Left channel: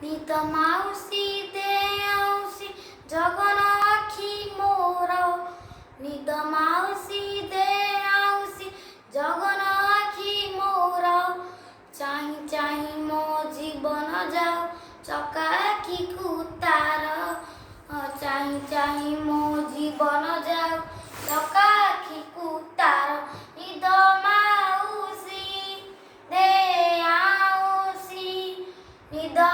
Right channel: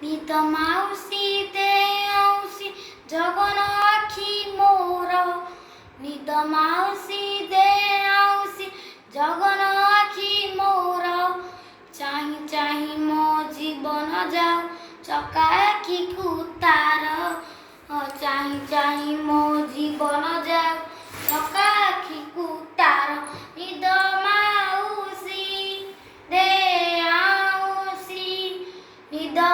ନିଦ ମାଉସୀ ଦେ ଆଉସି ଜଗନ ଆଖି ମୋର ନିଦ ମାଉସୀ ଦେ ଆଉସି ଜଗନ ଆଖି ମୋର ଚାହିଁ ଚାହିଁ ମୋ ଜୀବନ ଯାଉ ଚକା ଆଖିକୁ ତାର ଚାହିଁ ଚାହିଁ ମୋ ଜୀବନ ଯାଉ ଚକା ଆଖିକୁ ତାର ନିଦ ମାଉସୀ ଦେ ଆଉସି ନିଦ